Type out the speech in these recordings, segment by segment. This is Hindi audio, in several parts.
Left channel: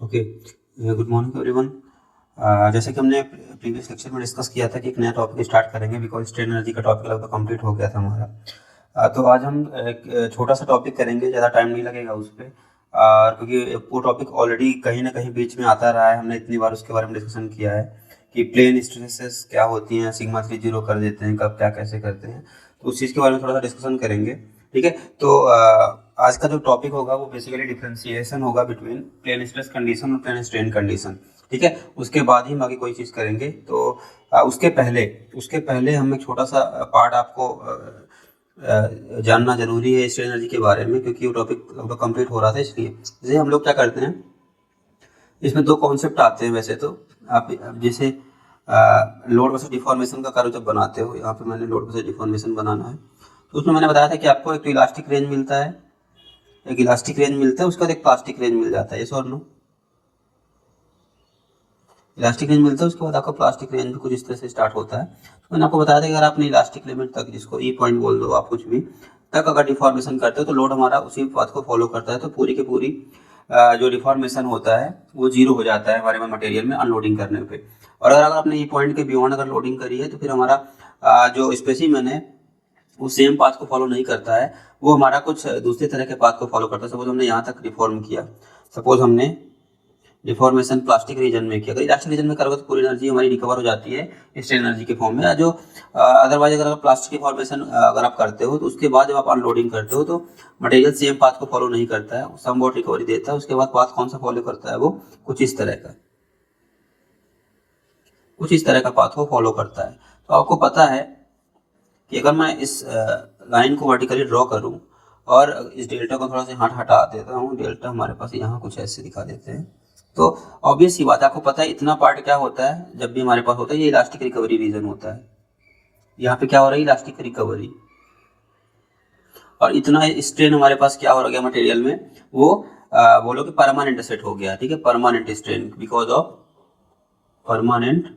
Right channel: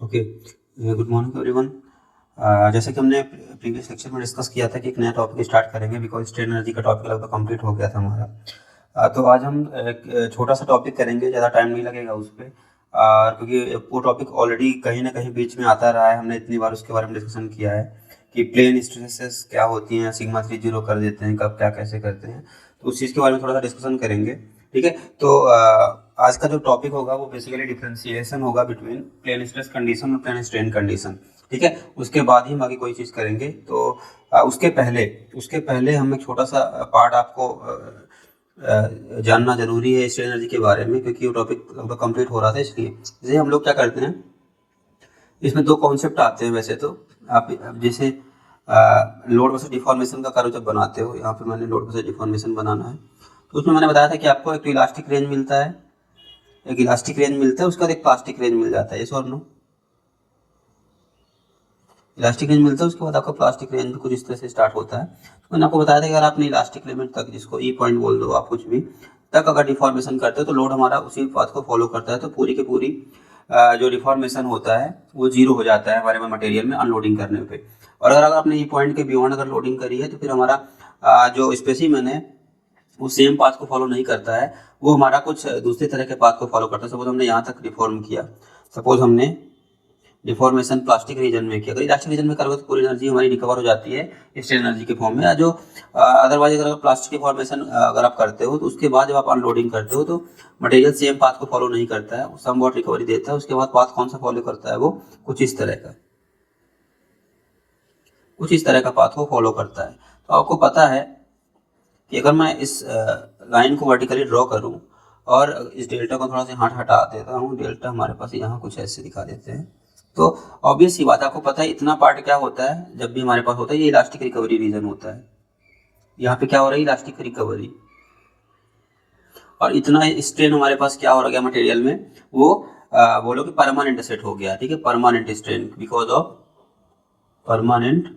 Okay, good morning everyone. जैसे कि हमने प्रीवियस लेक्चर में डिस्कस किया था कि एक नया टॉपिक स्टार्ट करेंगे बिकॉज स्ट्रेन एनर्जी का टॉपिक लगभग कंप्लीट हो गया था हमारा। तो आज हम एक छोटा सा टॉपिक करेंगे, ज़्यादा टाइम नहीं लगेगा उस पर, क्योंकि वो टॉपिक ऑलरेडी कहीं ना कहीं बीच में आता रहा है। हमने इतनी बार उसके बारे में डिस्कशन किया है कि प्लेन स्ट्रेसेस क्या होती हैं, सिग्मा 3 जीरो कर देते हैं, कब क्या कैसे करते हैं, तो उस चीज़ के बारे में थोड़ा सा डिस्कशन करेंगे। ठीक है, तो आज का जो टॉपिक होगा वो बेसिकली डिफरेंशिएशन होगा बिटवीन प्लेन स्ट्रेस कंडीशन और प्लेन स्ट्रेन कंडीशन। ठीक है, उसके बाद ही हम आगे कोई चीज़ करेंगे। तो उसके पहले हम एक छोटा सा पार्ट आपको जानना जरूरी है स्ट्रेन एनर्जी के बारे में, क्योंकि वो टॉपिक लगभग कंप्लीट हो रहा था। इसलिए जैसे हम लोग क्या करते हैं, इसमें दो कॉन्सेप्ट आते हैं वैसे तो। आप जैसे लोड वर्सेस डिफॉर्मेशन का कार्य जब बनाते हो, यहाँ पे मैंने लोड वर्सेस डिफॉर्मेशन बनाना है, तो उसमें मैंने बताया था कि आपको एक तो इलास्टिक रेंज मिलता है, उसके बाद एक प्लास्टिक रेंज मिल जाता है। यस और नो? इलास्टिक रेंज मिलता है, उसके बाद आपका प्लास्टिक रेंज भी कुछ इस तरह से स्टार्ट होता है। तो मैंने आपको बताया था कि अगर आपने इलास्टिक लिमिट तक, जिसको ई पॉइंट बोल दो आप, कुछ भी तक अगर डिफॉर्मेशन करते हो तो लोड हमारा उसी पाथ को फॉलो करता है, तो पूरी की पूरी जो डिफॉर्मेशन होता है वो जीरो हो जाता है हमारे मटेरियल में अनलोडिंग करने पे। और अगर आपने ई पॉइंट के बियॉन्ड अगर लोडिंग करी है तो फिर हमारा जो स्पेसिमेन है वो सेम पाथ को फॉलो नहीं करता है, वो हमारा कुछ दूसरे तरह के पाथ को फॉलो करता है। सपोज हमने यहाँ तक डिफॉर्म किया, सपोज हमने डिफॉर्मेशन प्लास्टिक रीजन में किया, अगर इलास्टिक रीजन में करोगे तो पूरी एनर्जी हमारी रिकवर हो जाती है स्ट्रेन एनर्जी के फॉर्म में। जो अदरवाइज अगर प्लास्टिक की फॉर्मेशन अगर आप करते हो तो उसके बाद जब आप अनलोडिंग करते हो तो मटेरियल सेम पाथ को फॉलो नहीं करता है, सम वॉट रिकवरी देता है। उसके बाद पाथ कौन सा फॉलो करता है, वो कुछ इस तरह का पाथ को फॉलो करता है। तो आपको पता है कि अगर मैं इस लाइन को वर्टिकली ड्रॉ करूं और इस डेल्टा को थोड़ा सा हटा देता हूं, डेल्टा हमारे पास यहाँ कुछ ऐसे दिखा देते हैं, तो ऑब्वियस ही बात है, आपको पता है इतना पार्ट क्या होता है जब भी हमारे पास होता है, ये इलास्टिक रिकवरी रीजन होता है। यहाँ पे क्या हो रहा है, इलास्टिक रिकवरी। और इतना स्ट्रेन हमारे पास क्या हो गया मटेरियल में, वो बोलो कि परमानेंट सेट हो गया। ठीक है, permanent strain because of permanent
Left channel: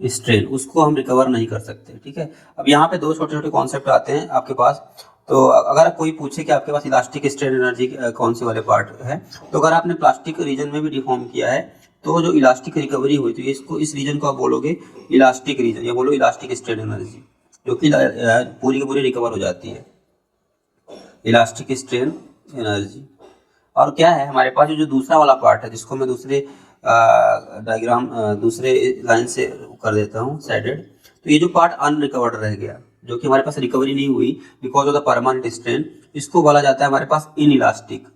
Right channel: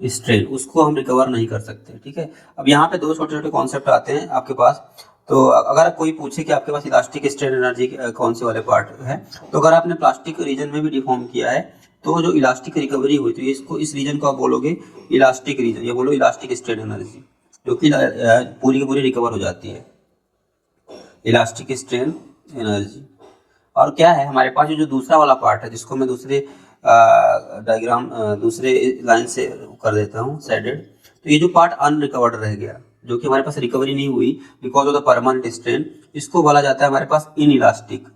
strain, उसको हम रिकवर नहीं कर सकते। ठीक है, अब यहाँ पे दो छोटे छोटे कॉन्सेप्ट आते हैं आपके पास। तो अगर कोई पूछे कि आपके पास इलास्टिक स्ट्रेन एनर्जी कौन से वाले पार्ट है, तो अगर आपने प्लास्टिक रीजन में भी डिफॉर्म किया है तो जो इलास्टिक रिकवरी हुई थी, इसको इस रीजन को आप बोलोगे इलास्टिक रीजन, या बोलो इलास्टिक स्ट्रेन एनर्जी, जो कि पूरी की पूरी रिकवर हो जाती है, इलास्टिक स्ट्रेन एनर्जी। और क्या है हमारे पास जो दूसरा वाला पार्ट है, जिसको मैं दूसरे डायग्राम दूसरे लाइन से कर देता हूँ शेडेड, तो ये जो पार्ट अनरिकवर्ड रह गया, जो कि हमारे पास रिकवरी नहीं हुई because of the permanent strain, इसको बोला जाता है हमारे पास इन इलास्टिक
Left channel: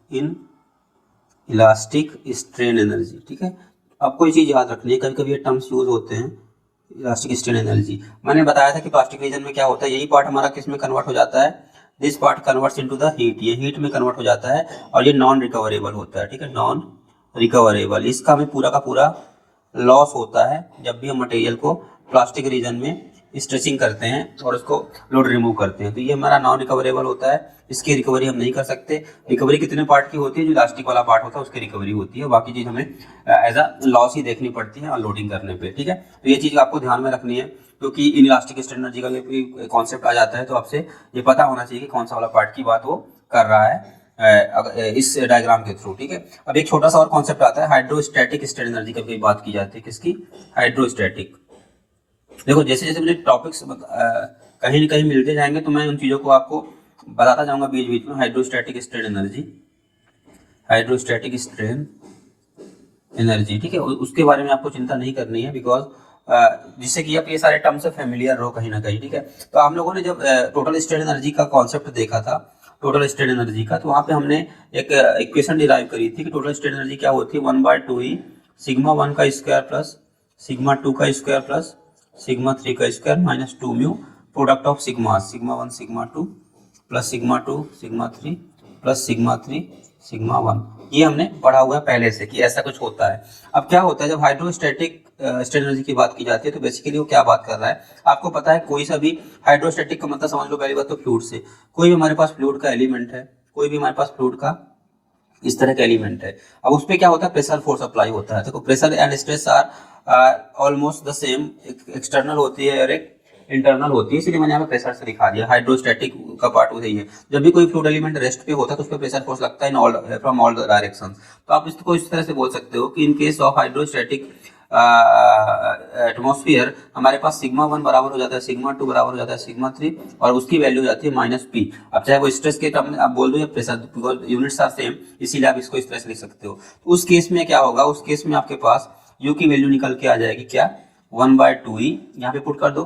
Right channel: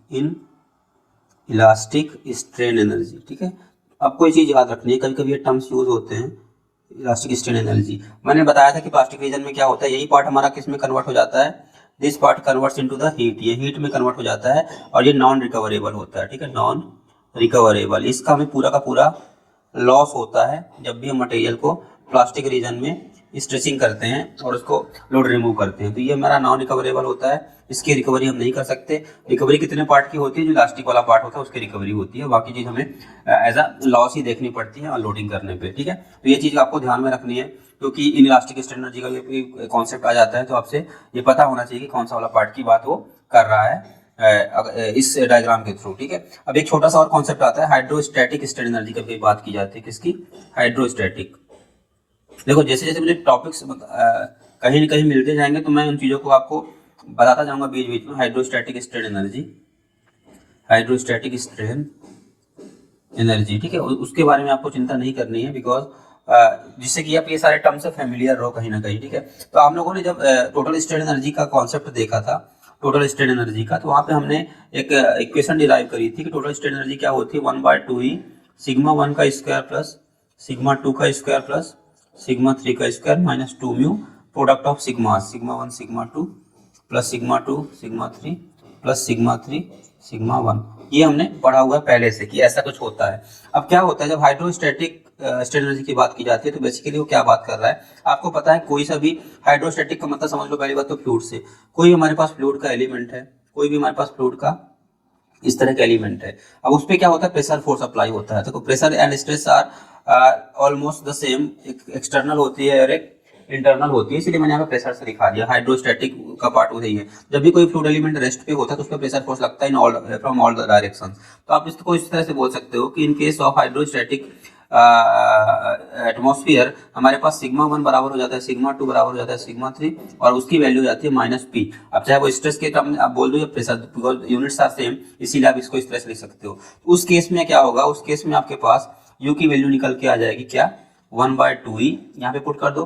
स्ट्रेन एनर्जी। ठीक है, आपको ये चीज याद रखनी है, कभी कभी ये टर्म्स यूज होते हैं, इलास्टिक स्ट्रेन एनर्जी। मैंने बताया था कि प्लास्टिक रीजन में क्या होता है, यही पार्ट हमारा किस में कन्वर्ट हो जाता है, this part converts into the heat, ये हीट में कन्वर्ट हो जाता है और ये नॉन रिकवरेबल होता है। ठीक है, नॉन रिकवरेबल, इसका हमें पूरा का पूरा लॉस होता है जब भी हम मटेरियल को प्लास्टिक रीजन में स्ट्रेचिंग करते हैं और उसको लोड रिमूव करते हैं, तो ये हमारा नॉन रिकवरेबल होता है, इसकी रिकवरी हम नहीं कर सकते। रिकवरी कितने पार्ट की होती है, जो इलास्टिक वाला पार्ट होता है उसकी रिकवरी होती है, बाकी चीज हमें एज अ लॉस ही देखनी पड़ती है अनलोडिंग करने पे। ठीक है, तो ये चीज आपको ध्यान में रखनी है, क्योंकि इन इलास्टिक स्ट्रेन एनर्जी का कॉन्सेप्ट आ जाता है तो आपसे ये पता होना चाहिए कि कौन सा वाला पार्ट की बात वो कर रहा है इस डायग्राम के थ्रू। ठीक है, अब एक छोटा सा और कॉन्सेप्ट आता है हाइड्रोस्टैटिक स्ट्रेन एनर्जी का, भी बात की जाती है किसकी, हाइड्रोस्टैटिक। देखो जैसे जैसे मुझे टॉपिक्स कहीं न कहीं मिलते जाएंगे तो मैं उन चीज़ों को आपको बताता जाऊंगा बीच बीच में। हाइड्रोस्टैटिक स्ट्रेन एनर्जी, ठीक है, उसके बारे में आपको चिंता नहीं करनी है, बिकॉज जिससे कि आप ये सारे टर्म से फेमिलियर रहो कहीं ना कहीं। ठीक है, तो हम लोगों ने जब टोटल स्ट्रेन एनर्जी का कॉन्सेप्ट देखा था, टोटल स्ट्रेन एनर्जी का, तो वहाँ पे हमने एक इक्वेशन डिराइव करी थी कि टोटल स्ट्रेन एनर्जी क्या होती है, 1/2 ही सिग्मा 1 का स्क्वायर प्लस सिग्मा 2 का स्क्वायर प्लस सिग्मा 3 का square minus 2 mu product of sigma 1 sigma 2 plus sigma 2 sigma 3 plus sigma 3 sigma 1। ये हमने पढ़ा हुआ है पहले से कि ऐसा कुछ होता है। अब क्या होता है जब हाइड्रोस्टैटिक स्ट्रेन एनर्जी की बात की जाती है तो बेसिकली वो क्या बात कर रहा है, आपको पता है कोई सा भी हाइड्रोस्टैटिक का मतलब समझ लो पहली बात तो फ्लूइड से, कोई भी हमारे पास फ्लूइड का एलिमेंट है, कोई भी हमारे पास फ्लूइड का इस तरह का एलिमेंट है, अब उस पर क्या होता है, प्रेशर फोर्स अप्लाई होता है। देखो pressure and stress are almost the same, एक एक्सटर्नल होती है और एक इंटरनल होती है, इसलिए मैंने यहाँ पे प्रेशर से दिखा दिया। हाइड्रोस्टैटिक का पार्ट वही है, जब भी कोई फ्लूइड एलिमेंट रेस्ट पे होता है तो उस पर प्रेशर फोर्स लगता है in all from all direction. तो आप इसको इस तरह से बोल सकते हो कि इन केस ऑफ हाइड्रोस्टैटिक एटमॉस्फेयर हमारे पास सिग्मा 1 बराबर हो जाता है सिग्मा 2 बराबर हो जाता है सिग्मा 3 और उसकी वैल्यू हो जाती है -p। अब चाहे वो स्ट्रेस के टर्म में आप बोल दो या pressure, because units are same, इसीलिए आप इसको स्ट्रेस लिख सकते हो। उस केस में क्या होगा, उस केस में आपके पास u की वैल्यू निकल के आ जाएगी क्या, 1/2e, यहाँ पे पुट कर दो,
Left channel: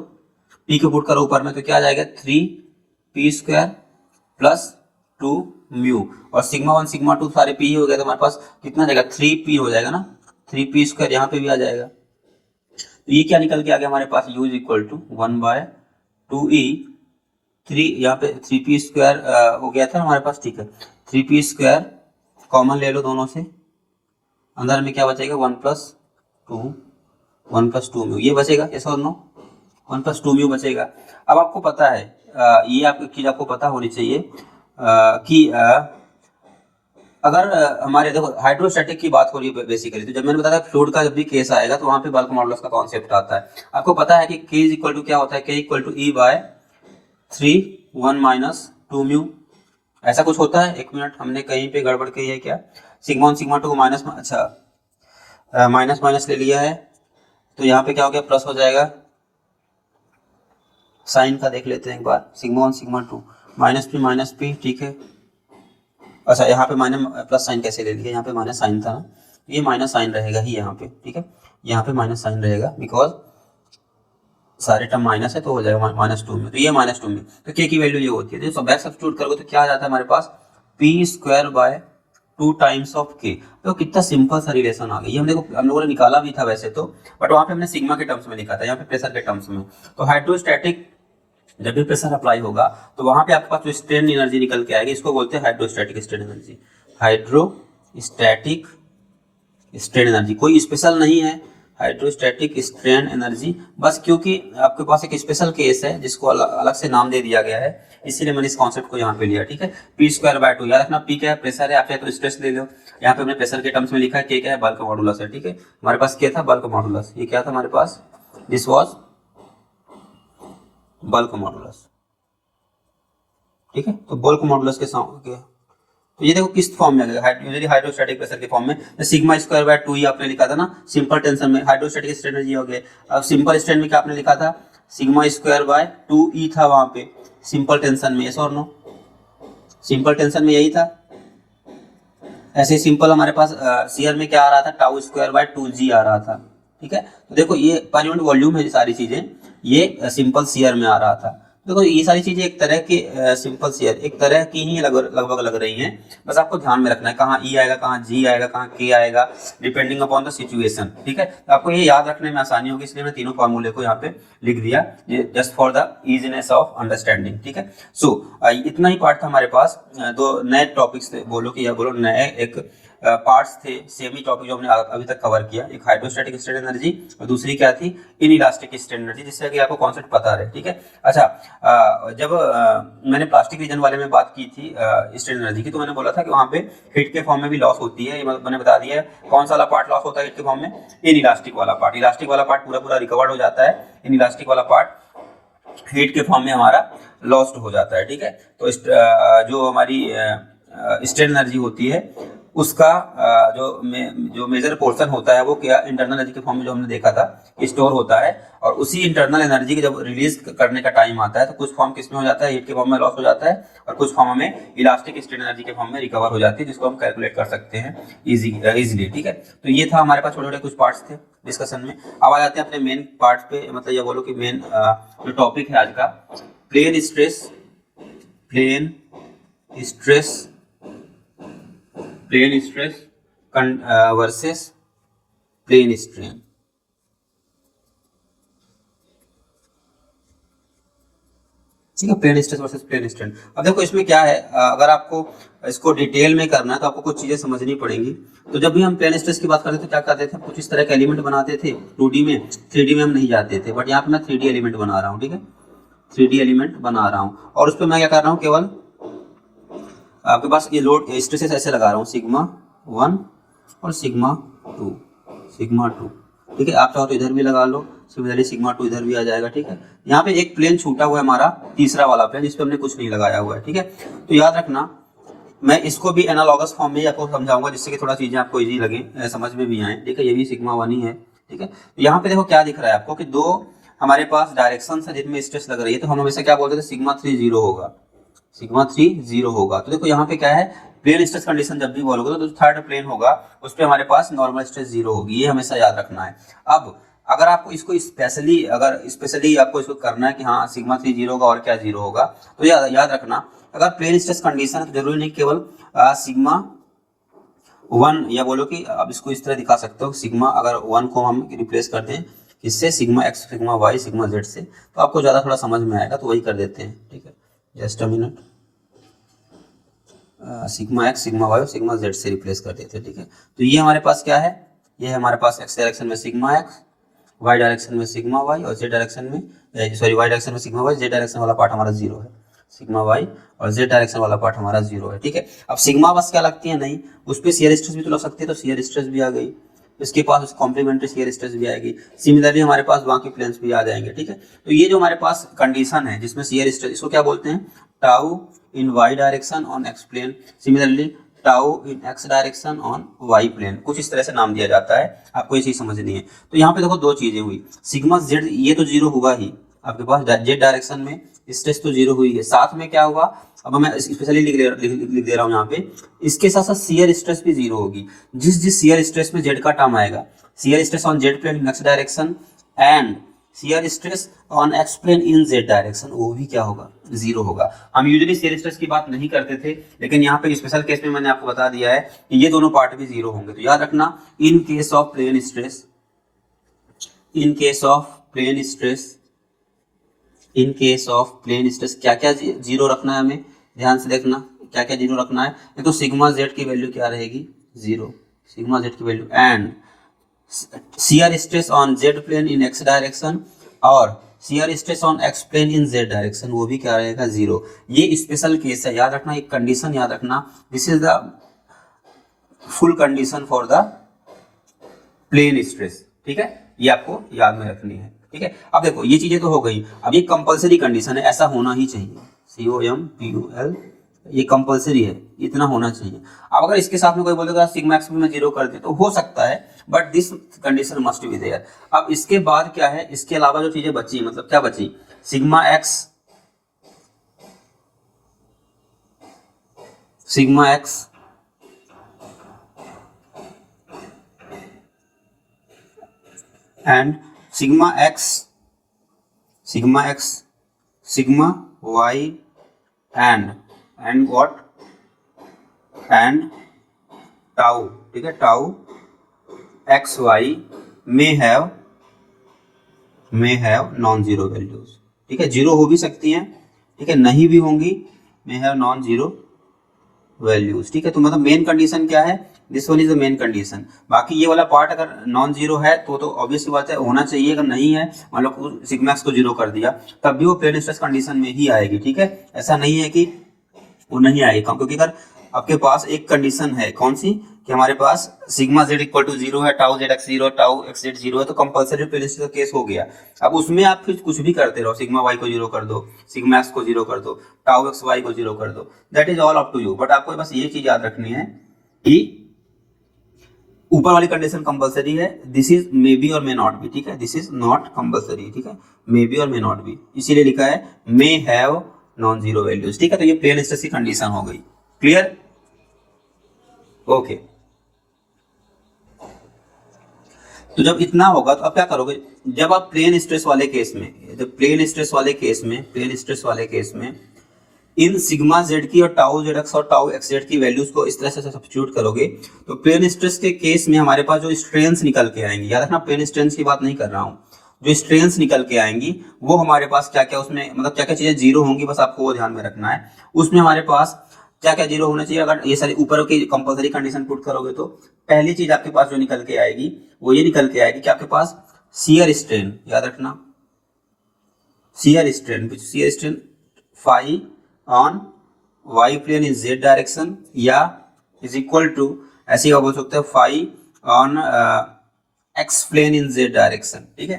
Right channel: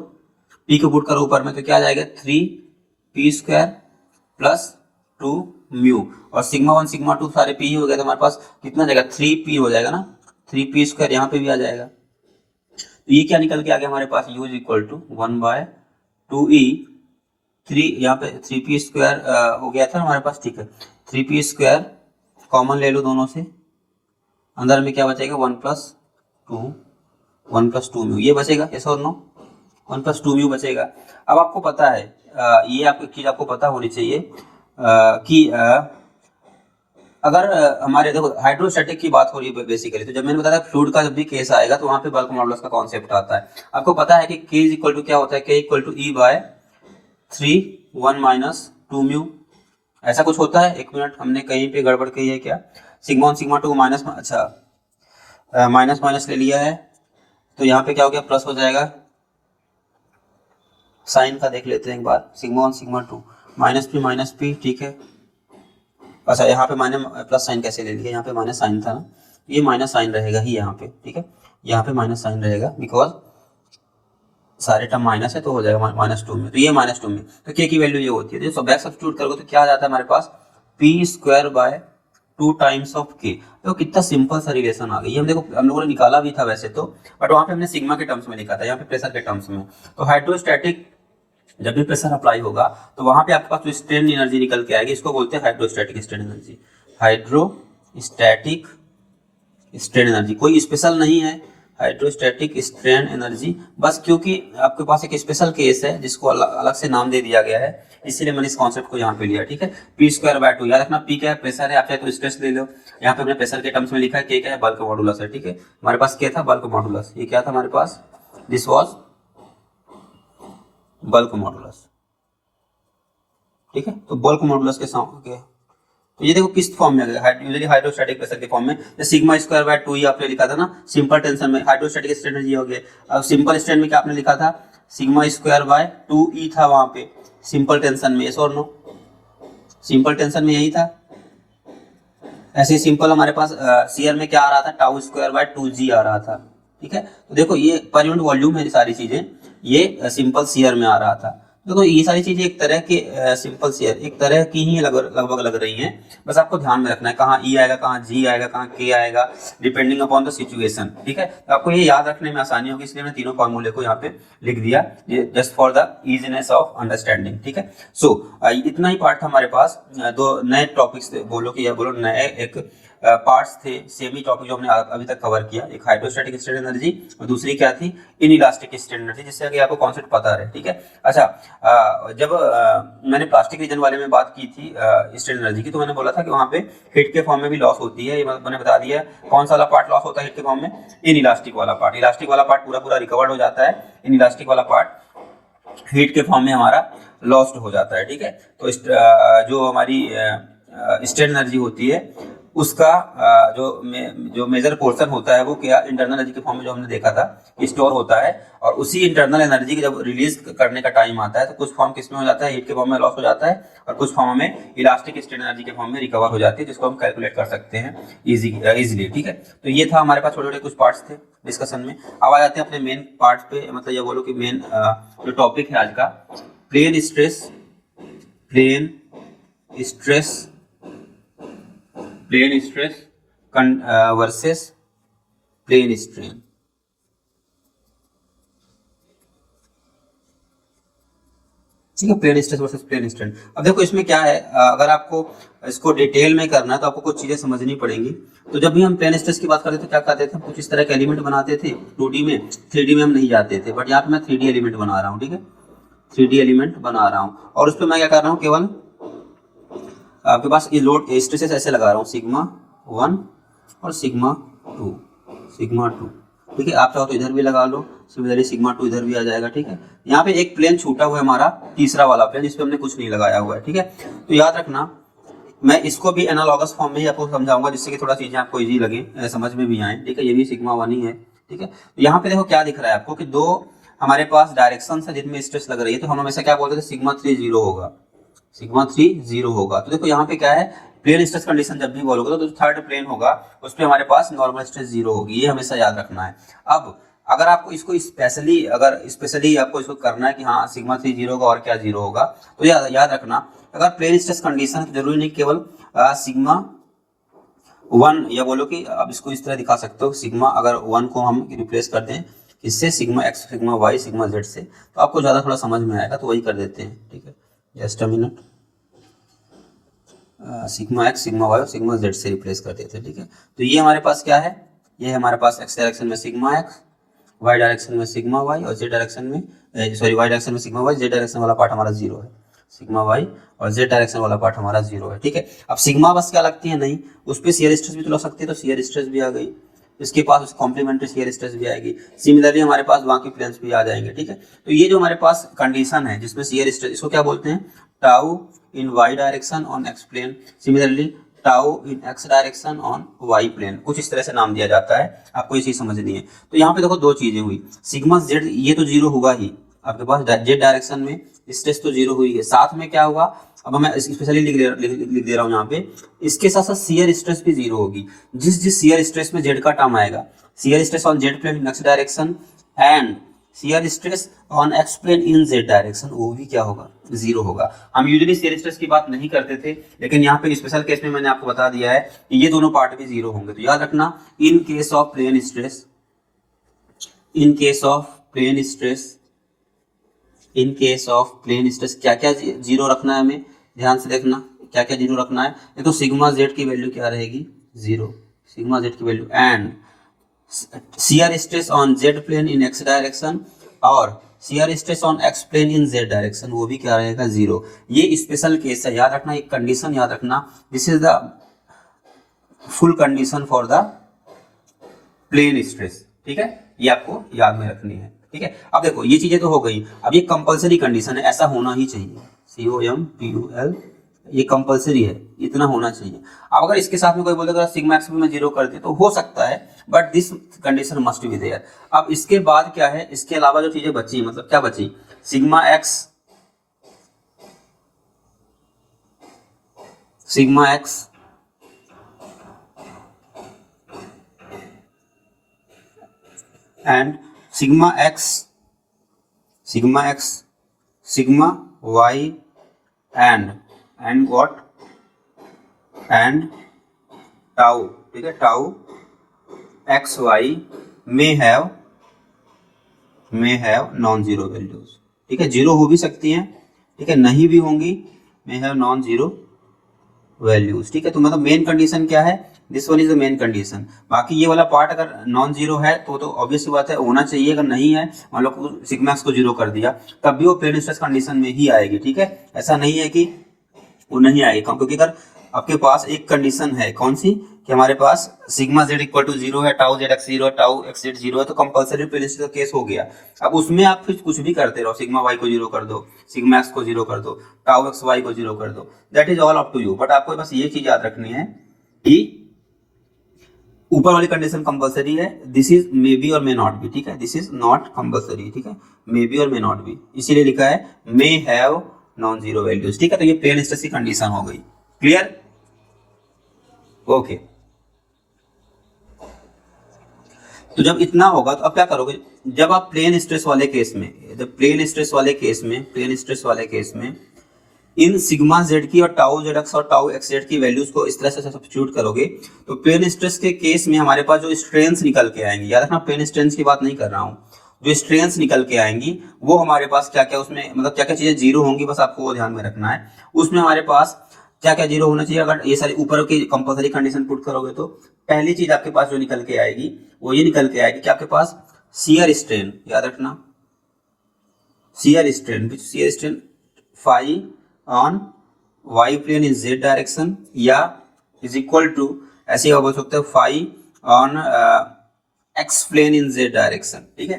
p को पुट करो ऊपर में तो क्या आ जाएगा 3p² प्लस 2 म्यू, और सिग्मा 1 सिग्मा 2 सारे p ही हो गए तो हमारे पास कितना जाएगा 3p हो जाएगा ना, 3p² यहाँ पे भी आ जाएगा। तो ये क्या निकल के आ गया हमारे पास, u is equal to 1/2e, 3 यहाँ पे 3p² हो गया था हमारे पास, ठीक है 3p² कॉमन ले लो दोनों से, अंदर में क्या बचेगा 1 + 2 म्यू, ये बचेगा, यस और नो, 1 + 2 म्यू बचेगा। अब आपको पता है ये आपको चीज आपको पता होनी चाहिए कि अगर हमारे देखो हाइड्रोस्टैटिक की बात हो रही है बेसिकली, तो जब मैंने बताया फ्लूइड का जब भी केस आएगा तो वहां पे बल्क मॉडुलस का कॉन्सेप्ट आता है। आपको पता है कि k इक्वल टू क्या होता है, k equal to E/3 1 - 2 mu, ऐसा कुछ होता है। एक मिनट, हमने कहीं पे गड़बड़ की है क्या, सिग्मा 1 सिग्मा 2 माइनस, अच्छा माइनस माइनस ले लिया है तो यहाँ पे क्या हो गया प्लस हो जाएगा, साइन का देख लेते हैं एक बार, सिग्मा 1 सिग्मा 2 -p, ठीक है। अच्छा यहाँ पे माइनस प्लस साइन कैसे ले लिया, यहाँ पे माइनस साइन था ना, ये माइनस साइन रहेगा ही यहाँ पे, ठीक है, यहाँ पे माइनस साइन रहेगा बिकॉज सारे टर्म माइनस है तो हो जाएगा -2 में, तो ये -2 में, तो k की वैल्यू ये होती है। तो बैक सब्स्टिट्यूट करोगे तो क्या आ जाता है हमारे पास p² 2 टाइम्स ऑफ k। तो कितना सिंपल सा रिलेशन आ गया, ये हम देखो हम लोगों ने निकाला भी था वैसे तो, बट वहाँ पे हमने सिग्मा के टर्म्स में लिखा था, यहाँ पे प्रेशर के टर्म्स में। तो हाइड्रोस्टैटिक जब भी प्रेशर अप्लाई होगा तो वहां पे आपके पास जो स्ट्रेन एनर्जी निकल के आएगी, इसको बोलते हैं hydrostatic strain energy. Hydrostatic strain energy कोई स्पेशल नहीं है, हाइड्रोस्टैटिक स्ट्रेन एनर्जी, बस क्योंकि आपके पास एक स्पेशल केस है जिसको अलग से नाम दे दिया गया है, इसीलिए मैंने इस कॉन्सेप्ट को यहाँ पे लिया, ठीक है। p²/2 याद रखना, p क्या है प्रेशर है, आप चाहे तो स्ट्रेस ले लो, यहाँ पे हमने प्रेशर के टर्म्स में लिखा है, k क्या है बल्क मॉडुलस है, ठीक है। हमारे पास क्या था बल्क मॉडुलस, ये क्या था हमारे पास, दिस वॉज बल्क मॉडुलस, ठीक है। तो बल्क मॉडुलस के साथ तो ये देखो किस फॉर्म में है, यूजुअली हाइड्रोस्टैटिक प्रेशर के फॉर्म में, सिग्मा²/2 ही आपने लिखा था ना सिंपल टेंशन में, हाइड्रोस्टैटिक स्ट्रेन एनर्जी हो गया। अब सिंपल स्ट्रेन में क्या आपने लिखा था, सिग्मा²/2e था वहां पे सिंपल टेंशन में, यस और नो, सिंपल टेंशन में यही था। ऐसे सिंपल हमारे पास सीयर में क्या आ रहा था, τ²/2g आ रहा था, ठीक है। तो देखो ये पर यूनिट वॉल्यूम है, सारी चीजें ये सिंपल सीयर में आ रहा था। देखो ये सारी चीजें एक तरह के सिंपल सीयर एक तरह की ही लगभग लग रही हैं, बस आपको ध्यान में रखना है कहाँ ई आएगा, कहाँ जी आएगा, कहाँ के आएगा, डिपेंडिंग अपॉन द सिचुएशन, ठीक है। तो आपको ये याद रखने में आसानी होगी, इसलिए मैं तीनों फॉर्मूले को यहाँ पे लिख दिया just for the easiness of understanding, ठीक है। सो इतना ही पार्ट था हमारे पास, दो नए टॉपिक्स थे, बोलो कि या बोलो नए एक पार्ट्स थे, सेमी टॉपिक जो हमने अभी तक कवर किया, एक हाइड्रोस्टैटिक स्ट्रेन एनर्जी और दूसरी क्या थी इनइलास्टिक स्ट्रेन एनर्जी, जिससे कि आपको कॉन्सेप्ट पता रहे, ठीक है। अच्छा जब मैंने प्लास्टिक रीजन वाले में बात की थी स्ट्रेन एनर्जी की, तो मैंने बोला था कि वहाँ पे हीट के फॉर्म में भी लॉस होती है, ये मैंने बता दिया। कौन सा वाला पार्ट लॉस होता है हीट के फॉर्म में, इनइलास्टिक वाला पार्ट, इलास्टिक वाला पार्ट पूरा पूरा रिकवर्ड हो जाता है, इनइलास्टिक वाला पार्ट हीट के फॉर्म में हमारा लॉस्ट हो जाता है, ठीक है। तो जो हमारी स्ट्रेन एनर्जी होती है उसका जो मेजर पोर्शन होता है वो क्या इंटरनल एनर्जी के फॉर्म में जो हमने देखा था स्टोर होता है, और उसी इंटरनल एनर्जी की जब रिलीज करने का टाइम आता है तो कुछ फॉर्म किस में हो जाता है, हीट के फॉर्म में लॉस हो जाता है, और कुछ फॉर्म में इलास्टिक स्ट्रेन एनर्जी के फॉर्म में रिकवर हो जाती है, जिसको हम कैलकुलेट कर सकते हैं इजीली, ठीक है। तो ये था हमारे पास छोटे छोटे कुछ पार्ट्स थे डिस्कशन में। अब आ जाते हैं अपने मेन पार्ट पे, मतलब ये बोलो कि मेन जो टॉपिक है आज का, plane stress versus plane strain. ठीक है, plane stress versus plane strain. अब देखो इसमें क्या है, अगर आपको इसको डिटेल में करना है तो आपको कुछ चीजें समझनी पड़ेंगी। तो जब भी हम प्लेन स्ट्रेस की बात करते थे क्या करते थे, हम कुछ इस तरह के एलिमेंट बनाते थे 2D में, 3D में हम नहीं जाते थे, बट यहाँ पे मैं 3D एलिमेंट बना रहा हूँ, ठीक है, 3D एलिमेंट बना रहा हूँ, और उस पर मैं क्या कर रहा हूँ, केवल आपके पास ये लोड स्ट्रेसेस ऐसे लगा रहा हूँ, सिग्मा 1 और सिग्मा 2, ठीक है। आप चाहो तो इधर भी लगा लो, सिमिलरली सिग्मा 2 इधर भी आ जाएगा, ठीक है। यहाँ पे एक प्लेन छूटा हुआ है हमारा तीसरा वाला प्लेन, जिस पे हमने कुछ नहीं लगाया हुआ है, ठीक है। तो याद रखना मैं इसको भी एनालॉगस फॉर्म में ही आपको समझाऊंगा, जिससे कि थोड़ा चीजें आपको इजी लगे, समझ में भी आए, ठीक है। ये भी सिग्मा 1 ही है, ठीक है। तो यहाँ पे देखो क्या दिख रहा है आपको कि दो हमारे पास डायरेक्शन है जिनमें स्ट्रेस लग रही है, तो हम हमेशा क्या बोलते थे, सिग्मा 3 0 होगा, सिग्मा 3 0 होगा। तो देखो यहाँ पे क्या है, प्लेन स्ट्रेस कंडीशन जब भी बोलोगे तो थर्ड प्लेन होगा, उस पर हमारे पास नॉर्मल स्ट्रेस 0 होगी, ये हमेशा याद रखना है। अब अगर आपको इसको स्पेशली आपको इसको करना है कि हाँ सिग्मा 3 0 होगा और क्या 0 होगा, तो याद रखना अगर प्लेन स्ट्रेस कंडीशन है तो जरूरी नहीं केवल सिग्मा 1, या बोलो कि अब इसको इस तरह दिखा सकते हो, सिग्मा अगर 1 को हम रिप्लेस कर दें इससे sigma x sigma y sigma z से, तो आपको ज़्यादा थोड़ा समझ में आएगा, तो वही कर देते हैं, ठीक है। Just a minute, sigma x sigma y और सिग्मा z से रिप्लेस कर देते हैं, ठीक है। तो ये हमारे पास क्या है, ये हमारे पास x डायरेक्शन में सिग्मा x, y डायरेक्शन में सिग्मा y और z डायरेक्शन में y डायरेक्शन में सिग्मा y, z डायरेक्शन वाला पार्ट हमारा 0 है, सिग्मा y और z डायरेक्शन वाला पार्ट हमारा 0 है, ठीक है। अब सिग्मा बस क्या लगती है, नहीं उस पर शियर स्ट्रेस भी तो लग सकती है, तो शियर स्ट्रेस भी आ गई, इसके पास कॉम्प्लीमेंट्री शियर स्ट्रेस भी आएगी, सिमिलरली हमारे पास बाकी प्लेन्स भी आ जाएंगे, ठीक है। तो ये जो हमारे पास कंडीशन है जिसमें शियर स्ट्रेस, इसको क्या बोलते हैं, tau in y direction on x plane, similarly tau in x direction on y plane, कुछ इस तरह से नाम दिया जाता है, आपको ये चीज समझनी है। तो यहाँ पे देखो दो चीजें हुई, सिग्मा z ये तो 0 होगा ही, आपके पास z डायरेक्शन में स्ट्रेस तो 0 हुई है, साथ में क्या होगा, अब मैं स्पेशली लिख दे रहा हूँ यहाँ पे, इसके साथ साथ शियर स्ट्रेस भी 0 होगी। जिस शियर स्ट्रेस में z का टर्म आएगा, shear stress on z plane in x direction and shear stress on x plane in z direction, वो भी क्या होगा, 0 होगा। हम यूजुअली शियर स्ट्रेस की बात नहीं करते थे, लेकिन यहाँ पे स्पेशल केस में मैंने आपको बता दिया है कि ये दोनों पार्ट भी 0 होंगे। तो याद रखना in case of plane stress, in case of plane stress, in case of plane stress क्या क्या 0 रखना है, हमें ध्यान से देखना क्या क्या 0 रखना है। ये तो सिग्मा z की वैल्यू क्या रहेगी, 0, सिग्मा z की value, and shear stress on z plane in x direction और shear stress on x plane in z direction, वो भी क्या रहेगा, 0। ये स्पेशल केस है, याद रखना एक कंडीशन याद रखना, this is the full condition for the plane stress, ठीक है, ये आपको याद में रखनी है, ठीक है। अब देखो ये चीजें तो हो गई, अब ये कंपलसरी कंडीशन है, ऐसा होना ही चाहिए, COMPUL, ये कंपलसरी है, इतना होना चाहिए। अब अगर इसके साथ में कोई बोलेगा सिग्मा एक्स भी मैं 0 कर दे तो हो सकता है, but this condition must be there. अब इसके बाद क्या है, इसके अलावा जो चीजें बची, मतलब क्या बची, sigma X and sigma X sigma Y and what and tau, ठीक है, tau X Y may have non zero values, ठीक है, 0 हो भी सकती हैं, ठीक है, नहीं भी होंगी, मे हैव नॉन जीरो वैल्यूज, ठीक है। तो मतलब मेन कंडीशन क्या है, this one is the main condition. बाकी ये वाला पार्ट अगर नॉन जीरो है तो ऑब्वियस बात है होना चाहिए, अगर नहीं है मान लो सिग्मा एक्स को 0 कर दिया तब भी वो प्लेन स्ट्रेस कंडीशन में ही आएगी, ठीक है, ऐसा नहीं है कि वो नहीं आएगी, क्योंकि अगर आपके पास एक कंडीशन है, कौन सी, कि हमारे पास सिग्मा z इक्वल टू 0 है, tau z x 0 tau x z 0 है, तो कंपलसरी प्लेन स्ट्रेस का केस हो गया। अब उसमें आप फिर कुछ भी करते रहो, सिग्मा y को 0 कर दो, सिग्मा x को 0 कर दो, टाउ x y को 0 कर दो, that is all up to you, but आपको बस ये चीज याद रखनी है कि ऊपर वाली कंडीशन कंपलसरी है, दिस इज मे बी और मे नॉट बी, ठीक है, दिस इज नॉट कंपलसरी, ठीक है, मे बी और मे नॉट बी, इसीलिए लिखा है मे हैव नॉन जीरो वैल्यूज, ठीक है। तो ये प्लेन स्ट्रेस की कंडीशन हो गई, क्लियर, ओके। तो जब इतना होगा तो अब क्या करोगे, जब आप प्लेन स्ट्रेस वाले केस में इन सिग्मा z की और टाउ zx और टाउ xz की वैल्यूज को इस तरह से सब्स्टिट्यूट करोगे तो प्लेन स्ट्रेस के केस में हमारे पास जो स्ट्रेंथ निकल के आएंगी, याद रखना प्लेन स्ट्रेंथ की बात नहीं कर रहा हूं, जो स्ट्रेंथ निकल के आएंगी वो हमारे पास क्या क्या उसमें मतलब क्या क्या चीजें 0 होंगी, बस आपको वो ध्यान में रखना है। उसमें हमारे पास क्या क्या 0 होना चाहिए, अगर ये सारी ऊपर की कंपलसरी कंडीशन पुट करोगे तो पहली चीज आपके पास जो निकल के आएगी वो ये निकल के आएगी कि आपके पास शियर स्ट्रेन, याद रखना shear strain phi on y plane in z direction या इज इक्वल टू ऐसे ही बोल सकते हैं phi on x plane in z direction, ठीक है,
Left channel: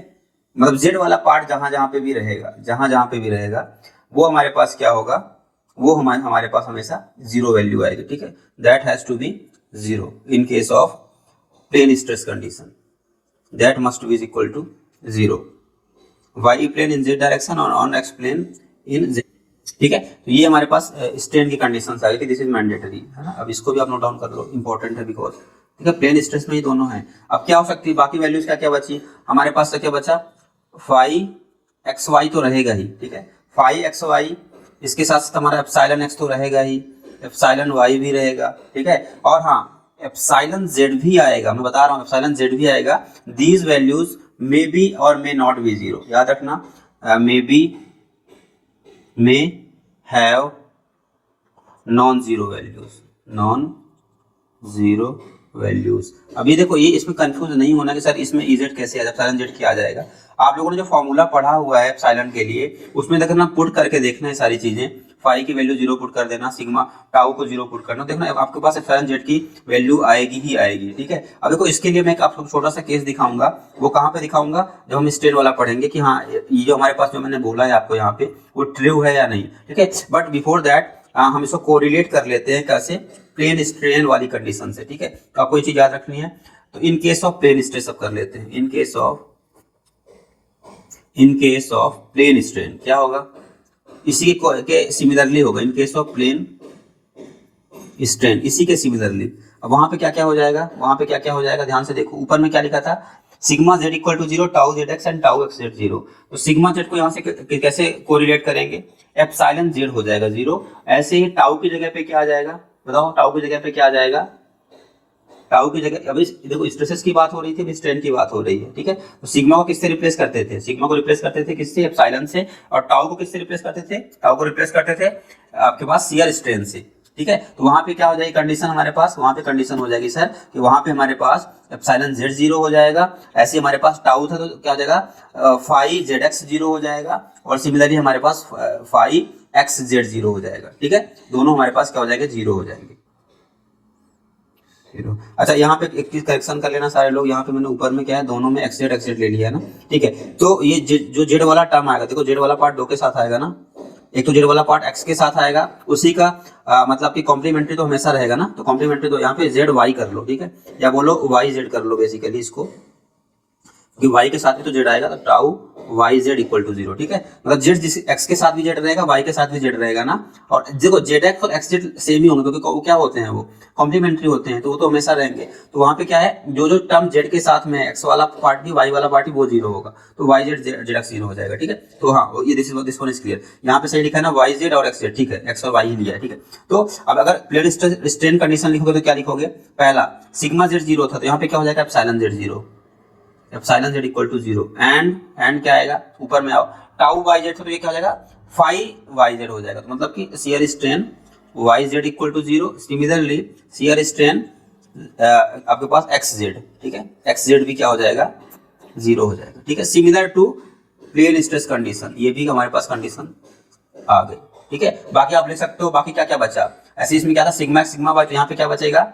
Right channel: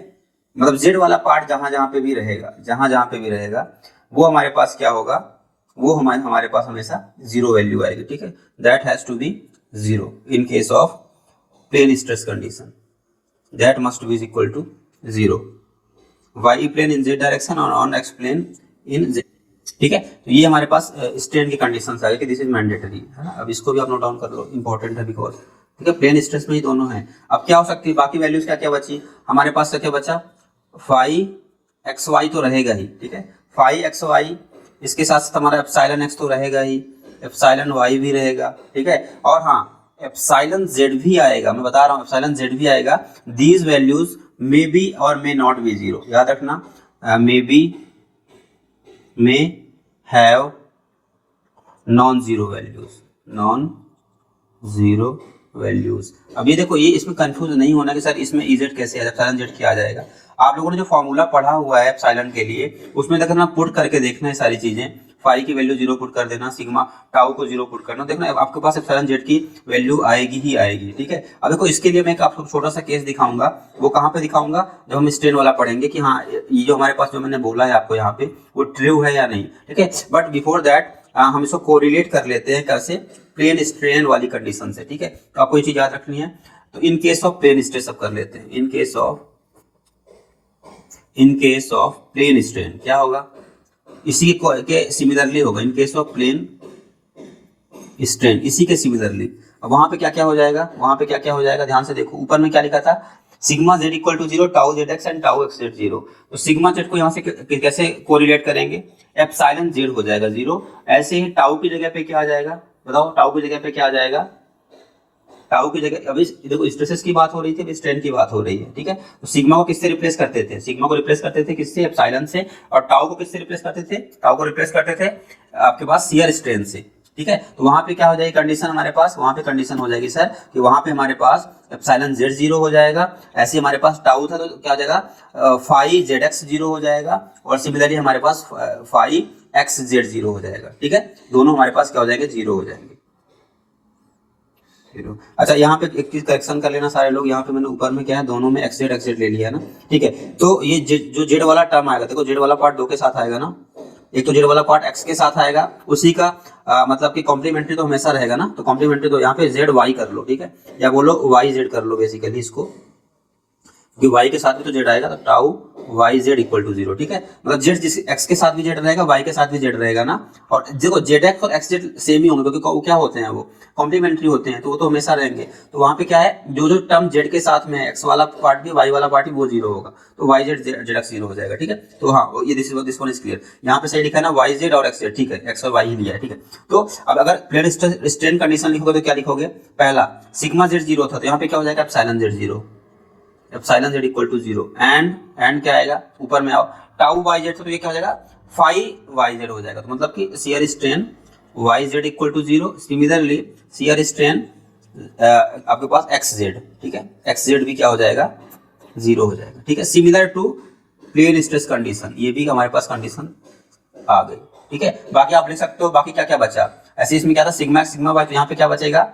मतलब जेड वाला पार्ट जहां जहां पे भी रहेगा, जहां जहां पे भी रहेगा, वो हमारे पास क्या होगा, वो हमारे पास हमेशा जीरो वैल्यू आएगी, ठीक है। That has to be zero in case of plane stress condition, that must be equal to zero. Y plane in Z direction और on X plane in Z, ठीक है। तो ये हमारे पास स्ट्रेन की कंडीशन आ गई कि दिस इज मैंडेटरी, है ना। अब इसको भी आप नोट डाउन कर लो, इंपॉर्टेंट है बिकॉज, ठीक है, प्लेन स्ट्रेस में ही दोनों है। अब क्या हो सकती है बाकी वैल्यूज, क्या क्या बची हमारे पास, क्या बचा, फाइव एक्स वाई तो रहेगा ही, ठीक है, फाइव एक्स वाई, इसके साथ साथ हमारा एप्सिलॉन एक्स तो रहेगा ही, एप्सिलॉन वाई भी रहेगा, ठीक है। और हाँ, एप्सिलॉन जेड भी आएगा, मैं बता रहा हूँ एप्सिलॉन जेड भी आएगा। दीज वैल्यूज मे बी और मे नॉट बी जीरो, याद रखना, may be, may have non zero values, non zero values. अब ये देखो, ये इसमें कंफ्यूज नहीं होना कि सर इसमें इजेड कैसे आ जाए, एप्सिलॉन जेड क्या आ जाएगा। आप लोगों ने जो फॉर्मूला पढ़ा हुआ है एप्सिलॉन के लिए, उसमें देखना पुट करके देखना है सारी चीजें, फाई की वैल्यू जीरो पुट कर देना, सिग्मा टाउ को जीरो पुट करना, देखना आपके पास एप्सिलॉन जेड की वैल्यू आएगी ही आएगी, ठीक है। अब देखो इसके लिए मैं एक आपको छोटा सा केस दिखाऊंगा, वो कहाँ पे दिखाऊंगा, जब हम स्ट्रेन वाला पढ़ेंगे कि हाँ ये जो हमारे पास जो मैंने बोला है आपको यहाँ पे वो ट्रू है या नहीं, ठीक है। बट बिफोर दैट हम इसको कोरिलेट कर लेते हैं कैसे, प्लेन स्ट्रेन वाली कंडीशन से, ठीक है। तो आपको ये चीज याद रखनी है। तो in case of plane stress सब कर लेते हैं, in case of plane strain क्या होगा, इसी के सिमिलरली होगा, in case of plane strain इसी के सिमिलरली। अब वहां पे क्या क्या हो जाएगा, वहां पे क्या क्या हो जाएगा, ध्यान से देखो, ऊपर में क्या लिखा था, sigma Z equal to zero, tau Z X and tau X Z zero. तो सिग्मा जेड को यहाँ से कैसे कोरिलेट करेंगे, एप्सिलॉन जेड हो जाएगा जीरो। ऐसे ही टाउ की जगह पे क्या आ जाएगा, बताओ टाउ की जगह पे क्या आ जाएगा, टाउ की जगह, अभी देखो स्ट्रेसेस की बात हो रही थी, अभी स्ट्रेन की बात हो रही है, ठीक है। तो सिग्मा को किससे रिप्लेस करते थे, सिग्मा को रिप्लेस करते थे किससे, एप्सिलॉन से। और टाउ को किससे रिप्लेस करते थे, टाउ को रिप्लेस करते थे आपके पास शियर स्ट्रेन से, ठीक है। तो वहां पे क्या हो जाएगी कंडीशन हमारे पास, वहां पे कंडीशन हो जाएगी सर कि वहां पे हमारे पास एप्सिलॉन जेड जीरो हो जाएगा। ऐसे हमारे पास टाउ था तो क्या हो जाएगा, फाइव जेड एक्स जीरो हो जाएगा, और सिमिलरली हमारे पास फाइव एक्स जेड जीरो हो जाएगा, ठीक है। दोनों हमारे पास क्या हो जाएंगे, जीरो हो जाएंगे। अच्छा यहाँ पे एक चीज करेक्शन कर लेना सारे लोग, यहाँ पे मैंने ऊपर में क्या है, दोनों में एक्स जेड ले लिया है ना, ठीक है। तो ये जो जेड वाला टर्म आएगा, देखो जेड वाला पार्ट दो के साथ आएगा ना, एक तो जेड वाला पार्ट एक्स के साथ आएगा, उसी का मतलब कि कॉम्प्लीमेंट्री तो हमेशा रहेगा ना, तो कॉम्प्लीमेंट्री तो यहाँ पे जेड वाई कर लो, ठीक है, या बोलो वाई जेड कर लो बेसिकली इसको, क्योंकि वाई के साथ भी तो जेड आएगा, तो tau Y Z equal to zero, ठीक है। मतलब जेड जिस एक्स के साथ भी जेड रहेगा, वाई के साथ भी जेड रहेगा ना। और देखो जेड एक्स और एक्स जेड सेम ही होंगे, क्योंकि वो क्या होते हैं, वो कॉम्प्लीमेंट्री होते हैं, तो वो तो हमेशा रहेंगे। तो वहां पे क्या है, जो जो टर्म जेड के साथ में एक्स वाला पार्ट भी वाई वाला पार्ट भी वो जीरो होगा, तो Y Z Z X zero हो जाएगा, ठीक है। तो हाँ ये दिस वन इज क्लियर, यहाँ पे सही लिखा है ना, वाई जेड और एक्स जेड, ठीक है, एक्स और वाई ही लिया है, ठीक है। तो अब अगर प्लेन स्ट्रेन कंडीशन लिखोगे तो क्या लिखोगे, पहला सिग्मा जेड जीरो था, तो यहाँ पे क्या हो जाएगा, epsilon Z zero, epsilon Z equal to zero, and क्या आएगा, ऊपर में आओ, टाउ वाई जेड, तो ये क्या हो जाएगा, फाइव वाई जेड हो जाएगा। तो मतलब कि shear strain Y Z equal to zero, similarly shear strain आपके पास एक्स जेड, ठीक है, एक्स जेड भी क्या हो जाएगा, जीरो हो जाएगा, ठीक है। Similar to plane stress condition, ये भी हमारे पास कंडीशन आ गई, ठीक है। बाकी आप लिख सकते हो, बाकी क्या क्या बचा, ऐसे इसमें क्या था, सिग्मा एक्स सिग्मा वाई, तो यहाँ पे क्या बचेगा,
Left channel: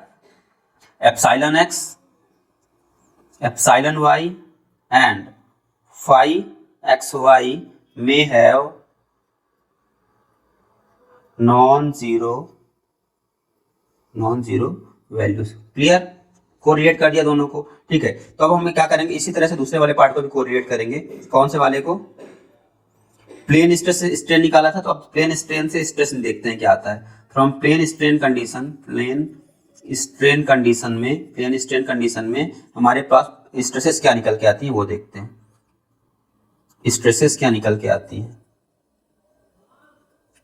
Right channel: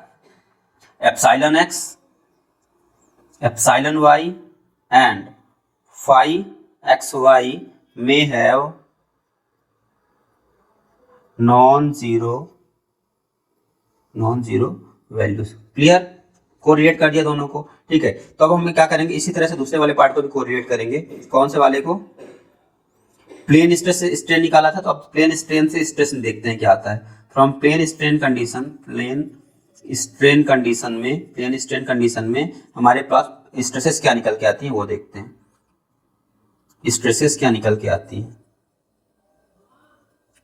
epsilon x, epsilon y and phi xy may have non-zero values, clear, correlate कर दिया दोनों को, ठीक है। तो अब हम क्या करेंगे, इसी तरह से दूसरे वाले पार्ट को भी कोरिलेट करेंगे, कौन से वाले को, प्लेन स्ट्रेस से स्ट्रेन निकाला था, तो अब प्लेन स्ट्रेन से स्ट्रेस देखते हैं क्या आता है। फ्रॉम प्लेन स्ट्रेन कंडीशन में हमारे पास स्ट्रेसेस क्या निकल के आती हैं वो देखते हैं, स्ट्रेसेस क्या निकल के आती हैं,